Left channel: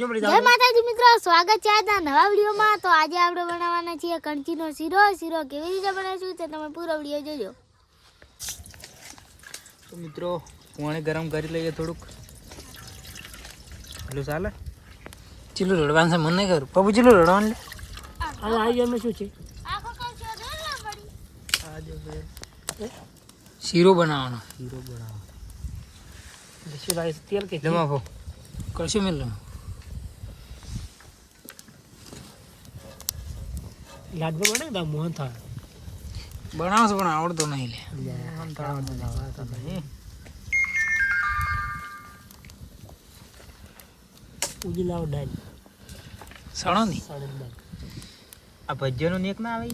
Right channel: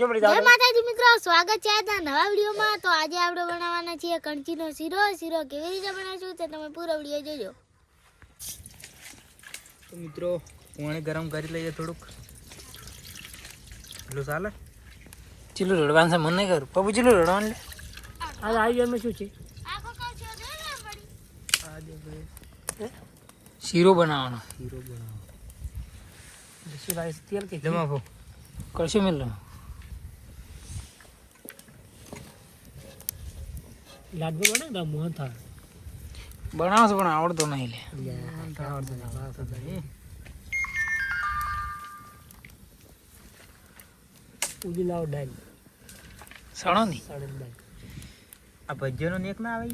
જય માતાજી મિત્રો સ્વાગત છે આજના નવા વિડીયોમાં. તો આજે આપણે બનાવવાના છીએ કણચીનો શીરો. શીરો કેવી રીતે બનાવીશું તે તમે પૂરો વીડિયો જોજો. તો મિત્રો પાણી ગરમ કરી લઈએ થોડુંક. એટલું ચાલે? ચીલું રડવાનું છે મને નહીં ખબર. પપ્પુ ચીલું રડવાનું લે. આજે આવી જાય શું છે? શીરો બનાવવાનો. શીરો બનાવો તેલ કે જમા ભો કળશું લાડવો બને તો મોહન થાય બનાવશે પણ આવડતો નહીં લે. ઉજી લાવ ડાલ સણો ની? સણો ડાલ આ ભજીયાનો નેક ના આવે?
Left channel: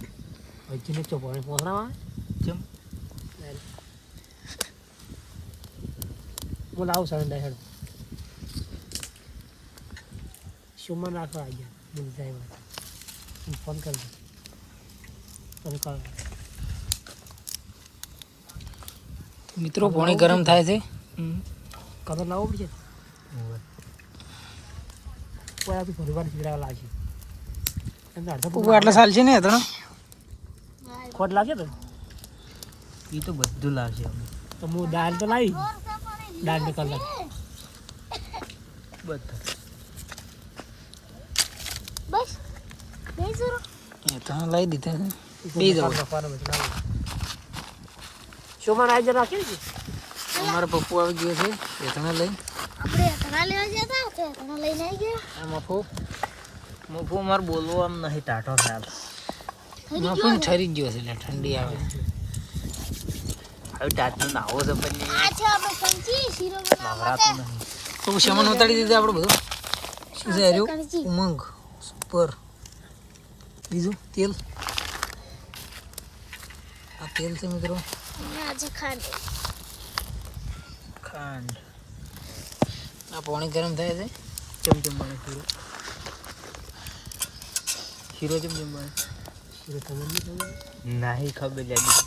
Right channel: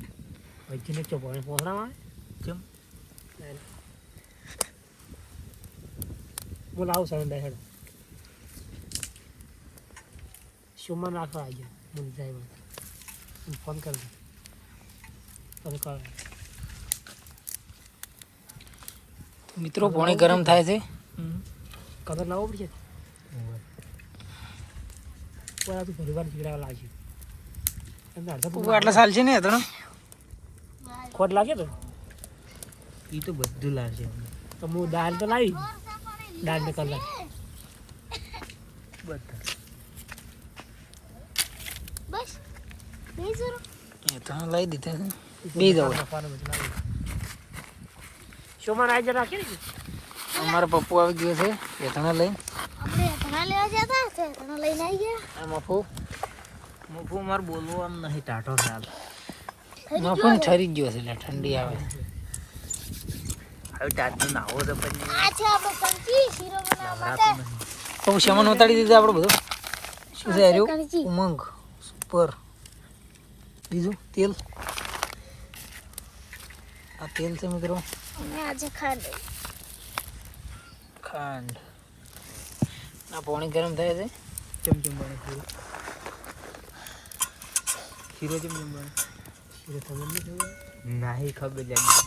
ભજીયાનો ચો પાણી પોસણા આવે. ચમ. બોલ આવ સણો ડાલ હેડો. શુમન રાખવા આવી ગયા બોલ જાય હું ફોન કરી દઉં તને કર મિત્રો પાણી ગરમ થાય છે. કલર લાવવો પડશે? કોયાથી ફરીવાર પીવડાવવા લાગશે. આટલા સાલ છે ને ત્રણ? ખોટ લાગે તો? એ તો બધું લાવશે તો હું દાળ તો લાવી. દાળ ને કલર. બધા. બસ લઈ દીધા છે. બે જવું શોમાં આજે રાખી અમારો પપ્પુ આવી ગયો છે એ આપણે ધણા લેવા ધણા લઈને આવી ગયા. આ મફુ. મફુ મારે બોલવો આમ નહીં ટાટો ખ્યાલ મફુ ને? ઠરી જ ગયો છે એટલે ઠંડી આવે. હવે ટાટને નાવો છે પણ. આ છે આપણો શીરો નવરાતું નહીં. પપ્પુ શમન ઉતારી દીધું આપણે બધું? શું છે ઉમંગ સુપર બીજું તેલ? આ તેલ છે મિત્રો? આજે ખાંડ. ખાંડ. આ પાણી ગરમ થાય છે. ચમચમ પાણી ખીરો. ખીરો ચમચમ પાણી. ખીરો ખબર નહીં ખબર? નહીં ખબર લાગી.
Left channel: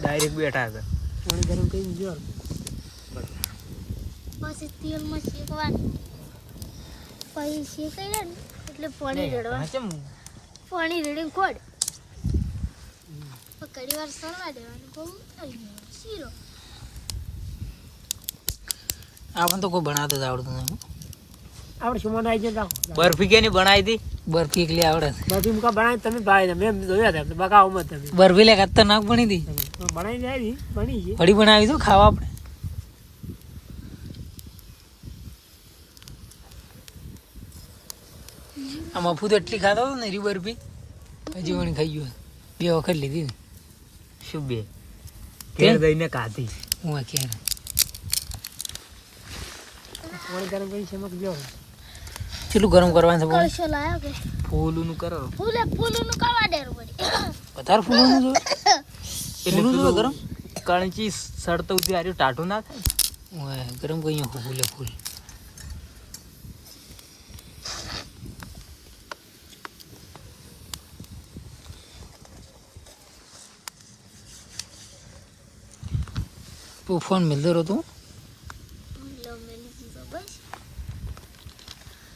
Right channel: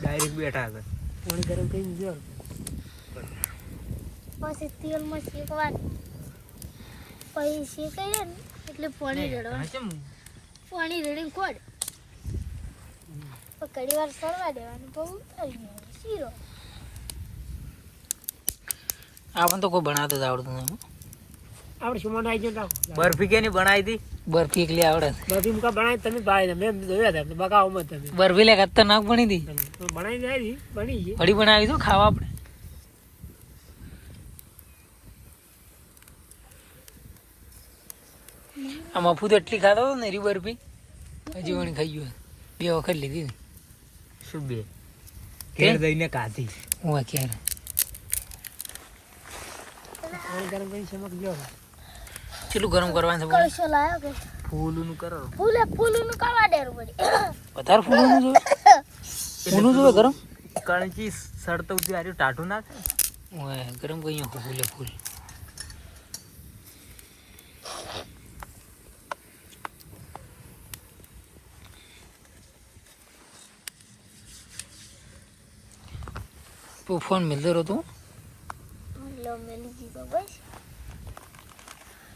ડાયરેક્ટ બેઠા હતા. પાણી ગરમ કરી દીધું પછી તેલમાં શેકવાનું. પછી શેકાઈ જાય ને એટલે પાણી રેડવા પાણી રેડીને ખોડ. ઘડી વાર સરવા દેવાનું બહુ ઉતારી દેવાનું. શીરો. આપણને તો કોઈ બનાવતો જ આવડતું નથી. આપણે શું આવી જાય રાખો બરફી કેની બનાવી હતી? બરફી એકલી આવડે બરફી મુકા બનાવી તમે ભાઈ મેં જોયા હતા બકાવો મત તમે. બરફી લે ખતરનાક બની હતી. બનાવી જાય બની છે. વળી બનાવી દો ખાવા આપણે. આ મફુ તો એટલી ખાતો હતો ને રી બરફી. હજી વણી ખાઈ ગયો. બે વખત લીધી ને. શું બે. ઘેર દઈને કાધી હું આ ક્યારે? પાણી ગરમ કરી ચમક જો ચેટલું ગરમ કરવાનું છે પાણી ફૂલું નું કરો. ફૂલે ફૂલનું કરવા દેવું પડી વધારે ફૂલું નું ફૂલું જો ગરમ? કણચી સડતો ઉતી આર્યું ટાટું ના થાય ઓય, ગરમ કઈ ફૂલે ફૂલ.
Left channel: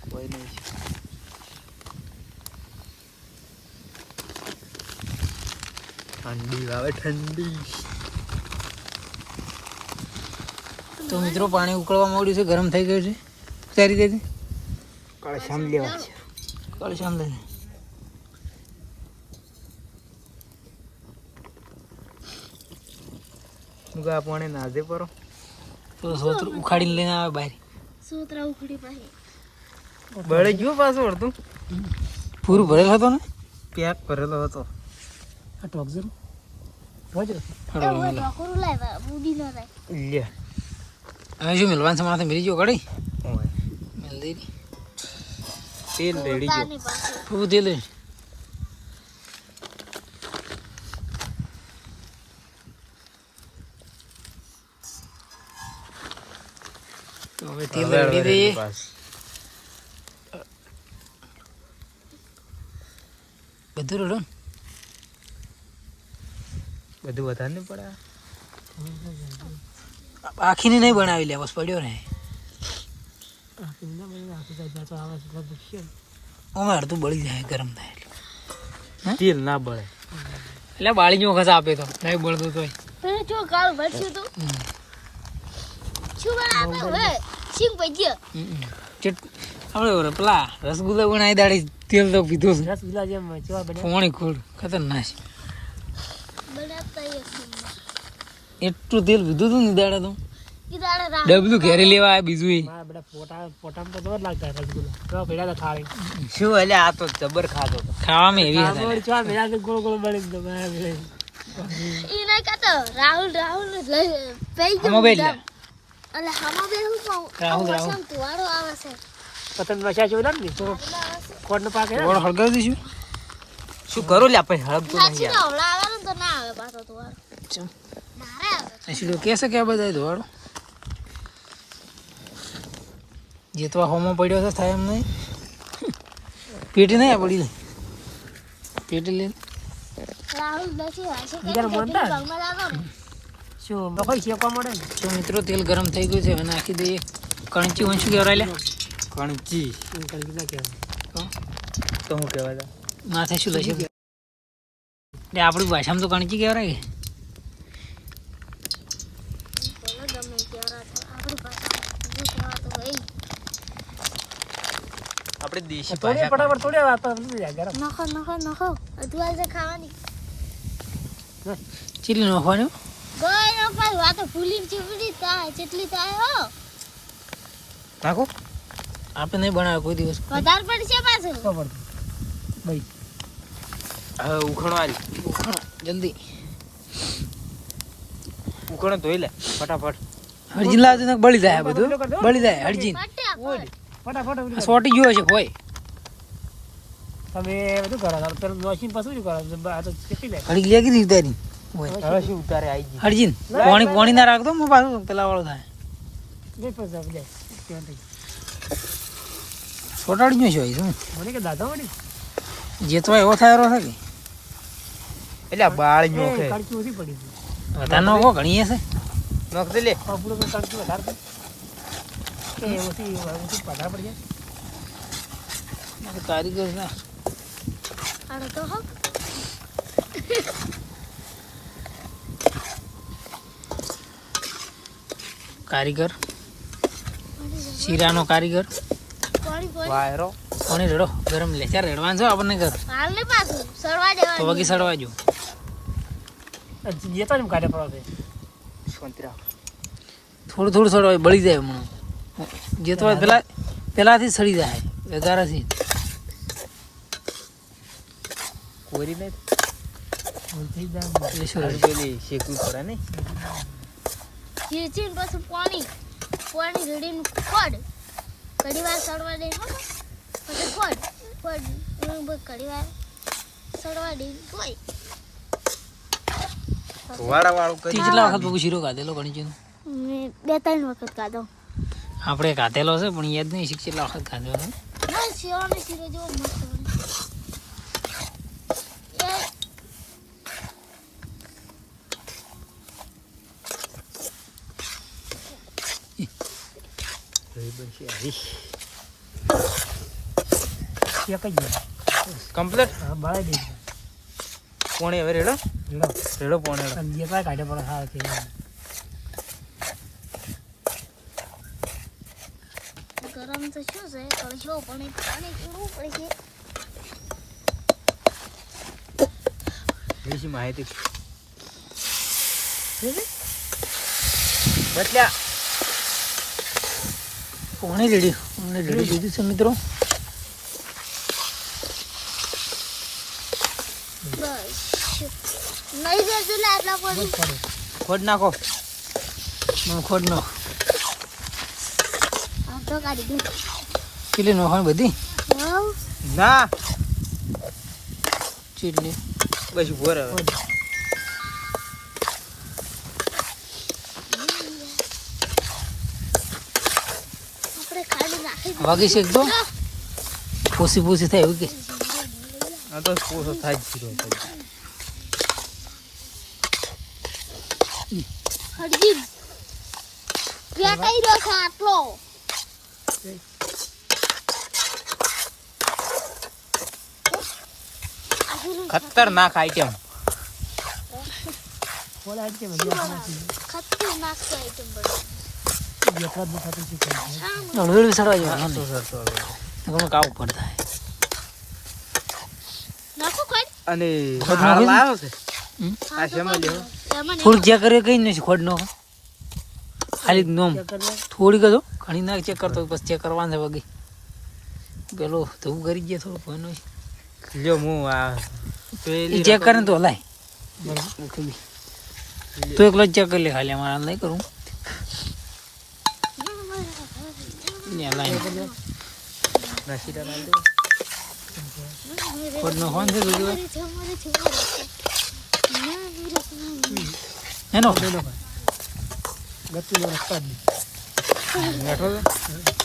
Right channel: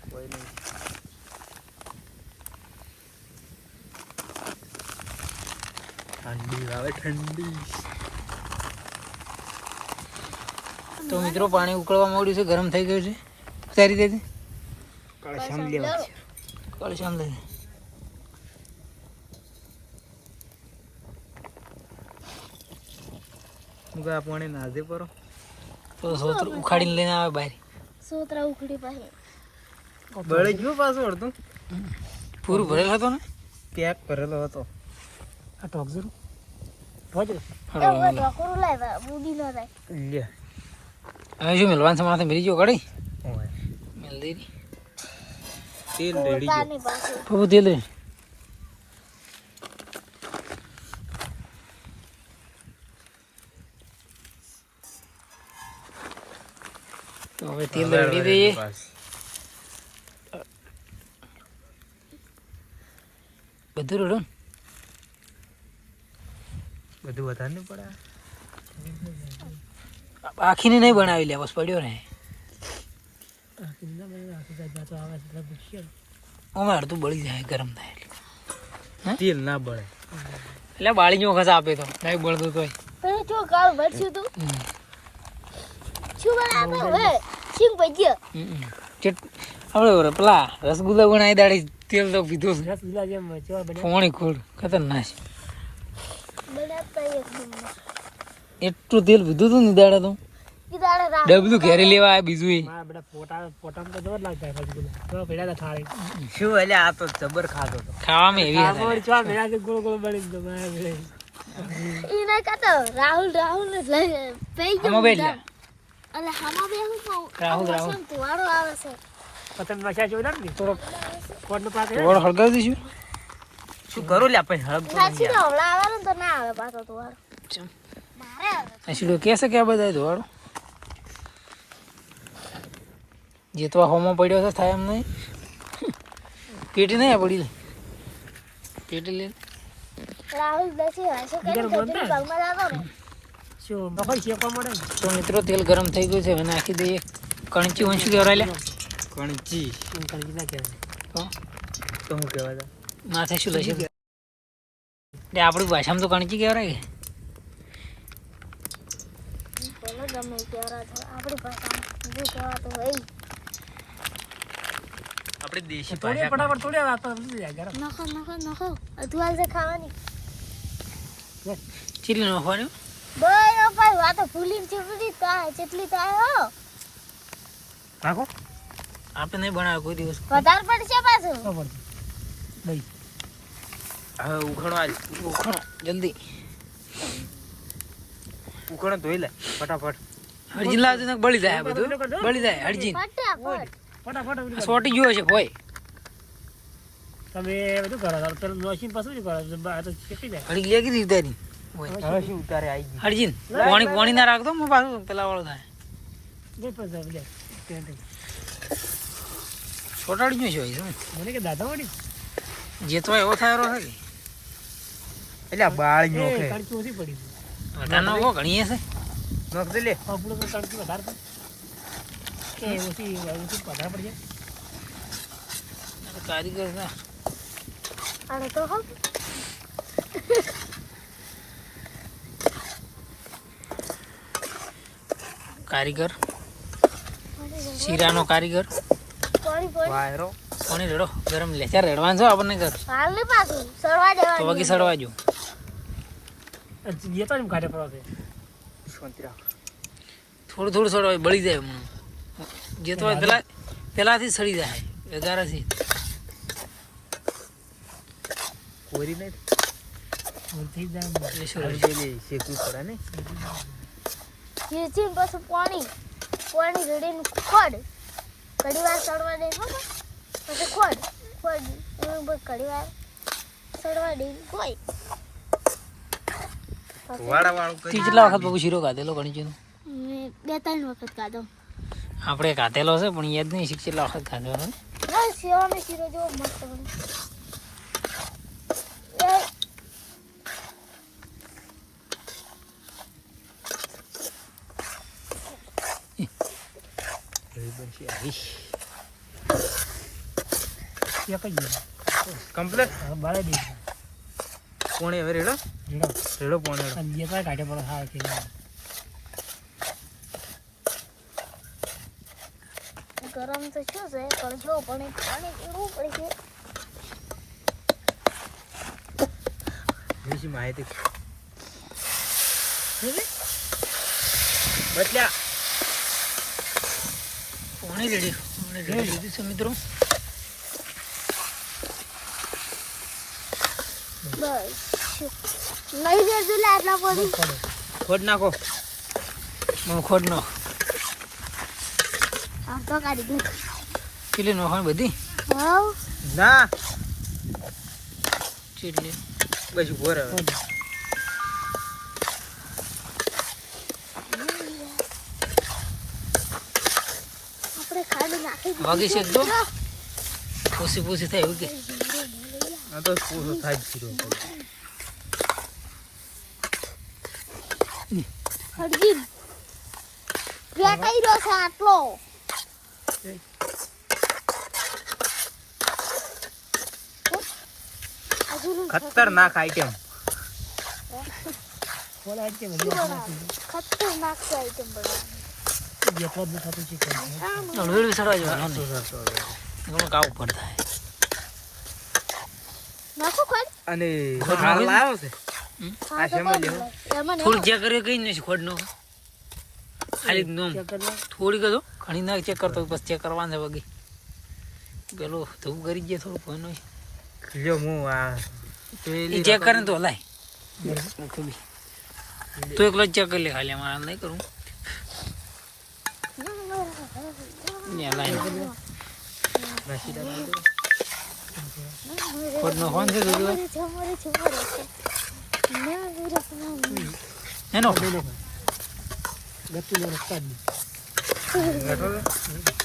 કોઈ નહીં ઠંડી આવે ઠંડી તો મિત્રો પાણી ઉકળવા માંડ્યું છે ગરમ થઈ ગયું છે સારી રીતે શામ લેવા છે શામ લે મુકા પાણી નાજે પરો થોડું ઉખાડીને લઈને આવે બહાર. સોતરા ઉખડી પાસે બળે ગયો પાછું અડધું? પૂરું ભરેલો હતો ને? પેક ભરેલો હતો. આ ટોપ જરો પહોંચ ફળો મેલો બુડી નો થાય લે. હવે શું મિલવાનું છે માથે ગયો કડી મિલ દઈ તેલ રેડી ગયો. પપ્પુ તેલ રે તો હવે તેલ રેડી દઈએ બધું રડો ને બધું વધારે નહીં પડે આખીને નહીં બનાવી લે બસ પડ્યો ને. અમે અડધું બળી જાય ગરમ થાય એટલે. તેલ ના બળે. એટલે બાળી નો વખત આપે તો નહીં બળતું તોય. એ કાલ ભરશું તું. શું બનાવતો આપણે પેલા રસગુલ્લા બનાવી દાડી તેલ તો પીધું છે. રસગુલ્લા જેમ ચેવા બન્યા પોણી ખોડ ખતરનાક. એટલું તેલ પીધું તું ને દાડે તો? ડબલું ઘેરે લેવા આવ્યા બીજું એ. મારા બેટા પોટા પોટામાં તો જબર લાગતા રસગુલ્લા. તો ભેડા તો થાળી. શું એટલે આ તો જબર ખાતો ખાવામાં એવી ગોળ ગોળ બની રાહુલ રાહુલ ગયો હમો બે હું કહું રાહુલ, તુવારો આવે છે પતંગ જેવું લાગે ને છે. કોડનો પાક હે? ગોળ હળગાવી દઈશું શું કરું લે આપણે હળપ તો ના નહીં છીડો હમણાં તો ના આવે પાછો તુવારો ચમ. મારે આવે સીડો કહેશે કે બધા ધોવાડો જેતવા હોમો પડ્યો છે થાય એમ નહીં પેટ નહીં આ પડી પેટ લે રાહુલ બેસી હશે શું? શેકવા મળે તો મિત્રો તેલ ગરમ થઈ ગયું છે હવે નાખી દઈએ. કણકી શું કહેવાય લે? કણચી. કણકી ના કહેવાય? તો તો હું કહેવાય? માથે શું લઈ એટલે આપણી ભાષામાં તો કણકી કહેવાય. આપણી હોય દેશી ભાષા ફટાફટ થોડી વાત ગરમ. નખો નખો નખો. અધવાલ છે ખાવાની. ચીલી નાખવાનું નો વાતો ભૂલી ચૂપડી તા જેટલી થાય હો. નાખો આપણે નહીં બનાવે કોઈ દિવસ. વધારે પડશે પાછું. તો પડતું ભાઈ હવે ઉખણો આલ જલ્દી. ઉખણો ધોઈ લે ફટાફટ. હરજી લાવજો ને બળી જાય આ બધું. બળી જાય હરજી. ફટાફટ સોટી જોયો છે હોય તમે બધું કરો? પેલું મશીન પાછું કરો? આ તો ચેપી જાય હળી લે કીધી તારી. હરજીન પાણી પાણી ના. રાખતો હું પાછું પેલા વાળો થાય. સોટાડી ગયો છે શું? મને કે દાદા વળી? જેતવા એવો થાય એવો કે? એટલે બાળ બાળી છે કડકી ઓછી પડી છે. કે વધારે નાખો ઘણી હશે. નોખ દે લે. આપણો કણકી વધારે પડી એ ઓછી ઓછી વધારે પડી જાય. કારીગર ના અરે તો હો કારીગર. શીરાનો કારીગર. વાયરો. કોને રેડો? ગરમ લે. ચાર રેડવાનું છે આપણને ઘર. તો વગી સડવા જો. જે તો. કાઢે પડવા થોડું થોડું સડવા બળી જાય હમણાં. જે તો પેલા પેલાથી સડી જાય. વધારાથી. કોરી નહીં થઈ જાય શેકવી પડે ને? ખીચીને પછી પાણી પાણી જોડીને ખોડ. ઘડી વાર સડવા દે પછી ખોડ ખોડ. એનું ઘડી વાર સડવા દે કોઈ વાળા કેટલા વખત બગુ શીરો ખાધેલો ગણિતનો મેં બે ત્રણ વખત ખાધો આપણે ખાધેલો છે પણ યાદ નહીં કેટલા વખત ખાધેલો છે બસ શીરો ને શીરો જેવો મસ્ત બને એ એક જ કમ્પ્લીટ હા બાળે દે પોણી હવે રેડો? રેડો રેડો પોણી અને જે કાઢે પડે હા થઈ ગરમ તો શું છે પણ જો પણ પાણી પીવું પડશે દેશી માહિતી. બદલ્યા. પાણી રેડી. અમને રેડી લીધી છે મિત્રો. ખોડ. નાખો. મને ખોટ નો આમ તો કાઢી દે. કેટલી નોખાણ બધી? ના ના. પછી બસ ઊભો વાગી છે તો પૂસી પૂસી થાય એવું આ તો પૂરો થાય જ રહ્યો ખતરનાક આઈટમ ખતરનાક આઈટમ બરાબર જ થતું છે? કંઈ હળવેળ સડવા જવાનું ઘણું કાવું પડતા નાખો કોઈ અને થોડીક ચેક કર્યો કઈ નથી ખોટ નો ખાલી નોમ. થોડીક જ. ઘણી ના ચેક કરતો પછી ચેક કરવાનું છે વગી. પેલો ધૂમ કરી ગયા થોડું કોઈ નહીં જો હું આ પેલી ચેક કરે ને તો હલાય. તો એકલો ચેક કરી લે ખાલી અમારે નહીં કરું ને હલાય રસીદા મારી દો. ખોટ નો ફોન છે જોજો મારી છે મારી છે મારી છે ના વીરા સમાન એનો ગતિનો રસ્તા જ નહીં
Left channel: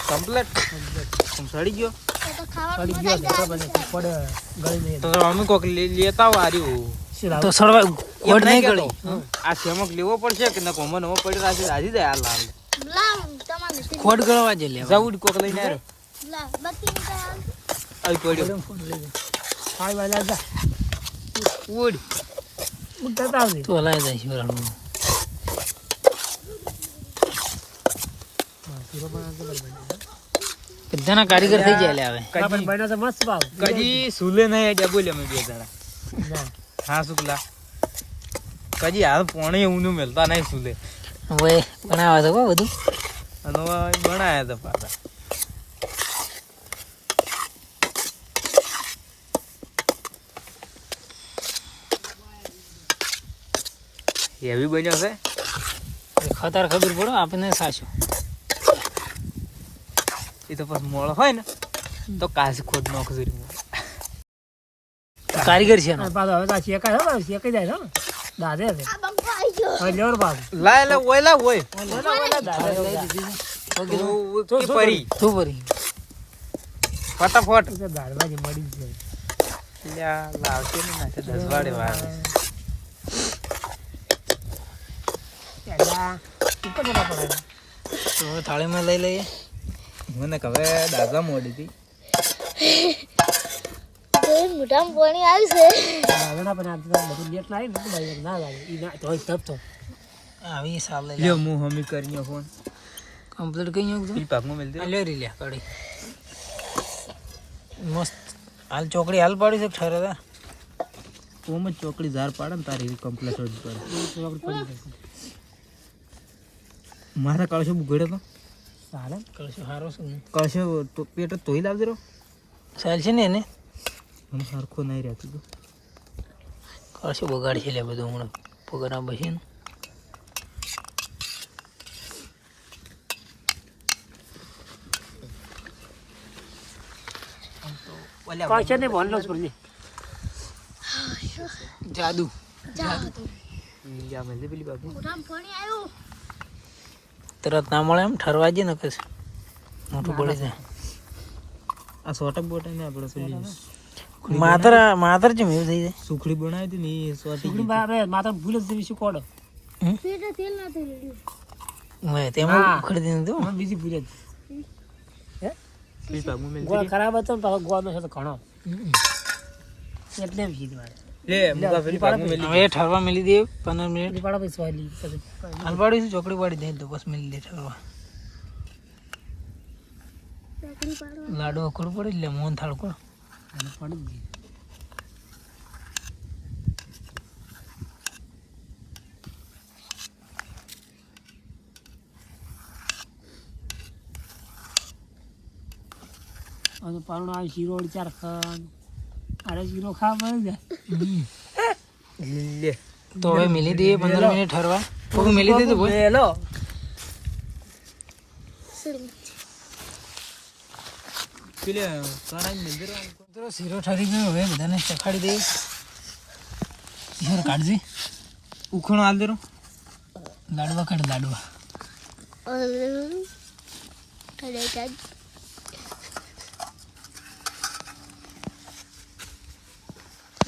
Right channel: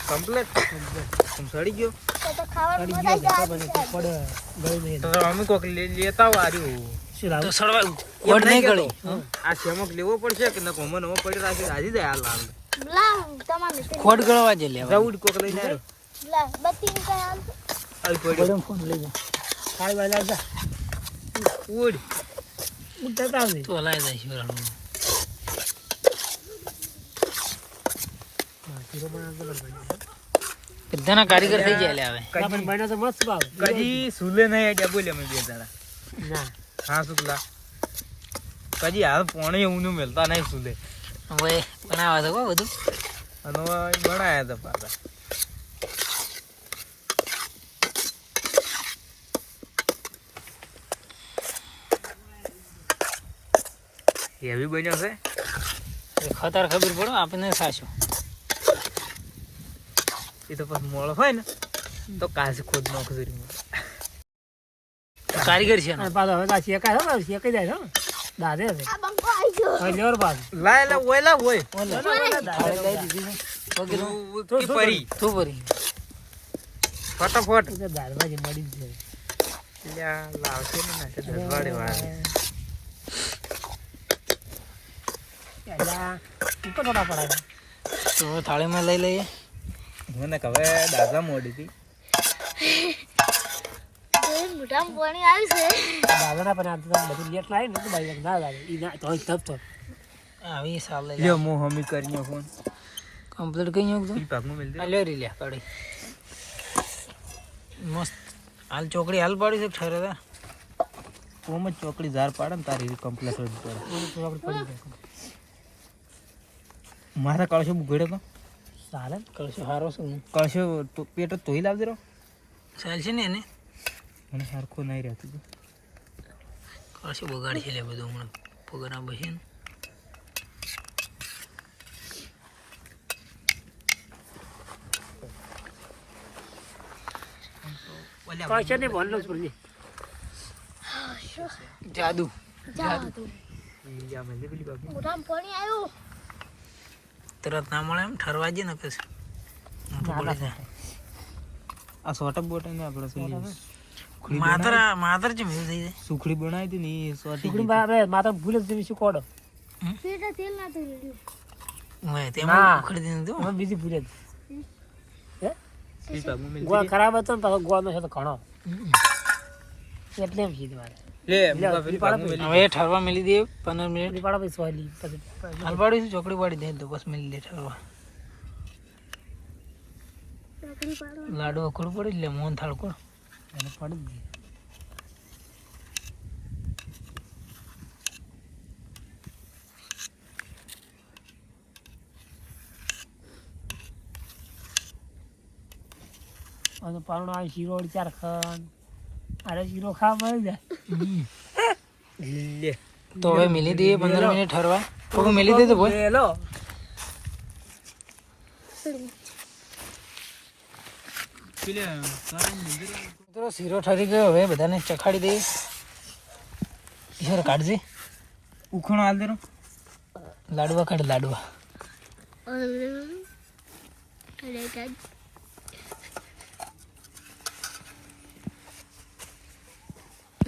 કમ્પ્લેટ આમ સડી ગયો સડી ખાવા પડી ગયો છે પડે ગળી નહીં તો અમે કોક લેતા આવો આર્યું તો સડવા ખોટ નહીં ગળી આ ચમક લેવો પડશે કે ન કોમન હો પડી પાસે હાજી દે હાલ હાલ તમારું ગળવા જે લેવા. જવું કોક લઈને આવ્યો લા બત્તી કાય આવી પડ્યો. ફોન લઈ જા. ખાઈ વાળા જા. ઉડ. ઉડતા આવજે. તો લઈ જાય શિવરાનું શીરો બધાના કારીગર થઈ જાય લે હવે. આપણે બન્યો તો મસ્ત ભાવ. કજી સુલે નહીં આઈડિયા બોલે અમે બે જણા. ના. હા શુક્લા કજી હાલ પોણી ઊનું મેલતા નહીં સુલે. હવે બનાવે તો કો બધું. અને હવે બનાયા હતા પાછા. એવી બન્યો છે? ખતર ખબર પડો આપણને સાચો એ તો પછી મોળો હોય ને તો કાશી ખોટ નાખું કારીગર છે પાછો હવે શેકાય શેકાઈ જાય છે દાદે છે. આવી ગયો પાછું લાય લે ઓય લે ઓય થાળી લઈ દીધી તું પરી શું કરી? ફટાફટ. તો દાળભાજી મળી જ જાય. લ્યા, લાવશે ને માથે દસ વાળે તો થાળીમાં લઈ લઈએ. મને હવે દાદા મોડી હતી. મોઢામાં પાણી આવી છે. દાદાના પણ બધું લેટ ના લાગે ને તો લાગે. તોય તપ તો આવી સાલ લ્યો હું હમી કરીને ફોન. કમ્પ્લીટ કઈ ગયું ઈ પાકમાં મેલ દે. આ લે રી લે કડી મસ્ત. હાલ ચોકડી હાલ પાડી છે ઠરે તા? ઓમ જ ચોકડી ધાર પાડે ને તારી કમ્પ્લેટ જ પડે. મારા કળશો બુગડ્યો તો. ચાલે કળશો સારો શું કળશો તો પેટ તોય લાવજે રો ચાલ છે ને એને? મને સરખો નહીં રહેતું. તો બગાડશે બગાડી લે બધું હમણાં. પગાર પછી જાદુ. પેલી પાણી આવ્યું તરત ના મળે એમ ઠરવા જઈએ ને પછી. મોટું પડે છે. આ સોટા બોટા ને આપણે પેલી માતર માતર જેમ એવું થઈ જાય. સુખડી બનાવી હતી ને એ સોટી ટુકડી બરાબર માતા ભૂલે જ દેવી શું કોડ. પેટે તેલ ના રેડ્યું. હોય તેમાં. ઉખડી દીધું બીજી ભૂલે જ. પેલી પાકમાં મેલ દે. ગોળ ખરાબ હતો ને પાછો ગોળ નો છે તો ઘણો. એટલે કીધું મારે લે મુકા પેલી પાકમાં હવે ઠરવા મેલી મિનિટ. પાડો પાડી ચોકડી પાડી દે તો બસ મેલી દે લાડુ પડે મોહન થાળ કોણ? પડી ગઈ. હવે તો આ આવી શીરો ચાર ખાન અરે શીરો ખા મળી જાય લે. તો હવે મેલી દઈએ પંદર મિનિટ ઠરવા. તો મેલી દે તો ભાઈ હેલો શીરો ઠરી ગયો. હવે બધાને ચખાડી દઈએ. શીરો કાઢજે. ઉખણો હાલ દેરો. લાડવા કાઢ લાડવા.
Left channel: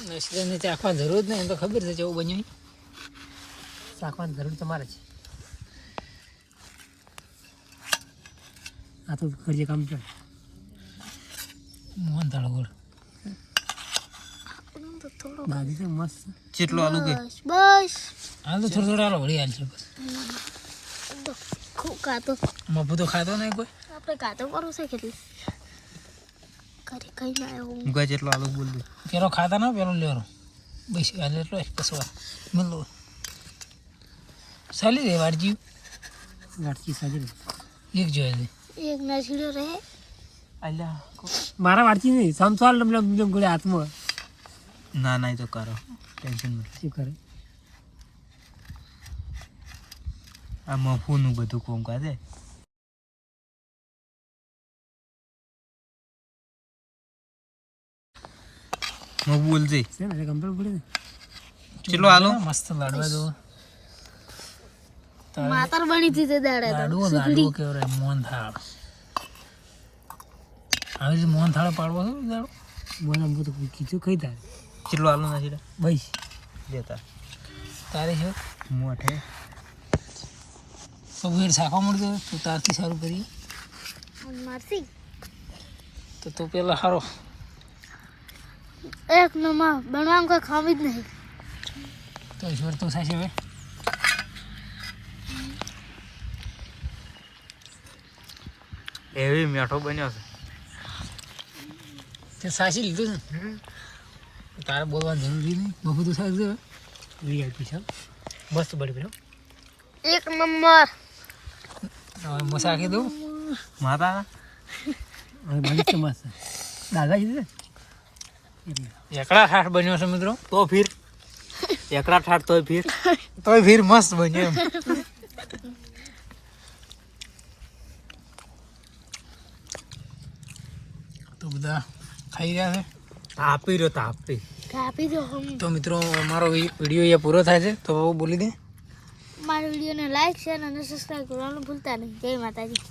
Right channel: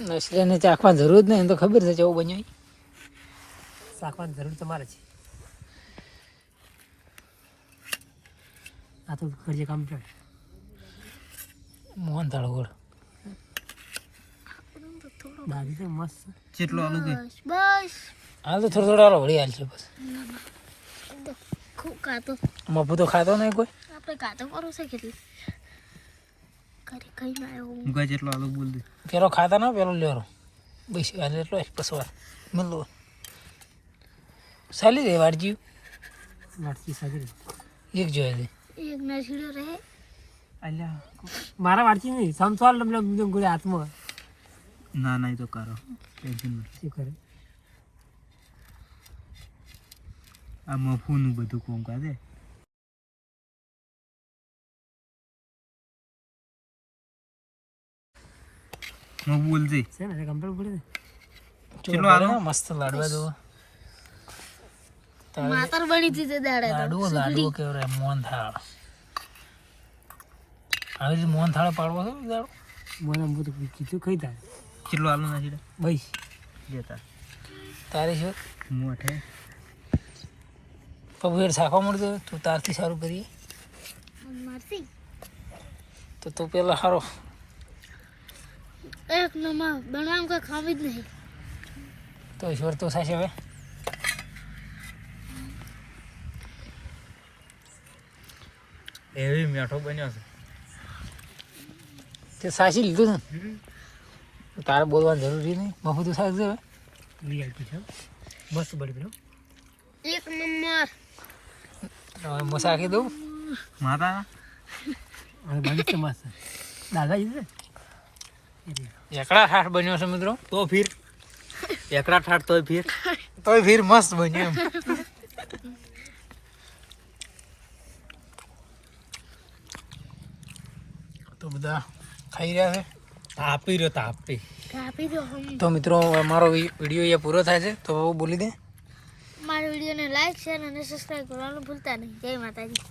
ઠરે ચાખવાની જરૂર જ નહીં તો ખબર છે કેવું બન્યું. ચાખવાની જરૂર તમારે છે. આ તો કરીએ કામ ચાલ. મોહન થાળ ગોળ થોડો દાદી છે. મસ્ત જેટલો આલુ કે? બસ હાલ તો થોડો થોડો આલો વળી હાલ છે બસ ખાતો મફુ તો ખાતો નહીં કોઈ? આપણે ખાતો કરો છે કેટલી કરી કઈ ના આવ્યું હું જેટલો આલુ બોલ દે. પેલો ખાતા ના પેલો લેરો. બસ હાલ એટલો એક કસવા મળો સાલી દે વારજી. વારજી સાજી એક જોઈ દે એક ના છીડો રહે. અલ્લા મારા વારજી નહીં સમસાલ લમ ગોળે હાથમાં ના ના એ તો કરો. ટેન્શન નહીં. શું કરે? આ મફુનું બધું કોમ કાજે મફુ બોલજે છે ને કમ્પ્લીટ પડી કેટલો આલો મસ્ત લાડવા દો માતર બની હતી તે દાડા લાડવો લાડવો કેવો રે મોહન થાળ આવી રીતે મોહન થાળ પાડવો છે દાડો? મને બધું કીધું કઈ તારે? કેટલો આલો નથી ભાઈ જેતા તારે છે? મોઠે તો વેર સાખો મળતો તું તારથી સારું કરીએ. મારથી. તો તું પેલા સારો એક નંબર બનાવવાનું કોઈ ખાવી જ નહીં. તો ઈશ્વર તો થશે હવે. એવી મેઠો બન્યો છે. તે સાચી લીધું છે તારે બોલવાની જરૂરી નહીં. બહુ તો સાચું હવે. વીઆઈપી છે. મસ્ત બળી પેલો એક નંબર. હવે મસાખી દઉં. માતા. હવે બની છે મસ્ત. દાદાજી છે? એકડા ઠાઠ બન્યો છે મિત્રો. તો ફીર. એકડા ઠાઠ તોય ફીર. તોય ફીર મસ્ત બન્યો એમ. તો બધા ખાઈ રહ્યા છે? તાપી રહ્યો તાપી કાપી દો તો મિત્રો મારો વીડિયો અહીંયા પૂરો થાય છે. તો બોલી દે. મારા વિડીયોને લાઈક શેર અને સબસ્ક્રાઈબ કરવાનું ભૂલતા નહીં. જય માતાજી.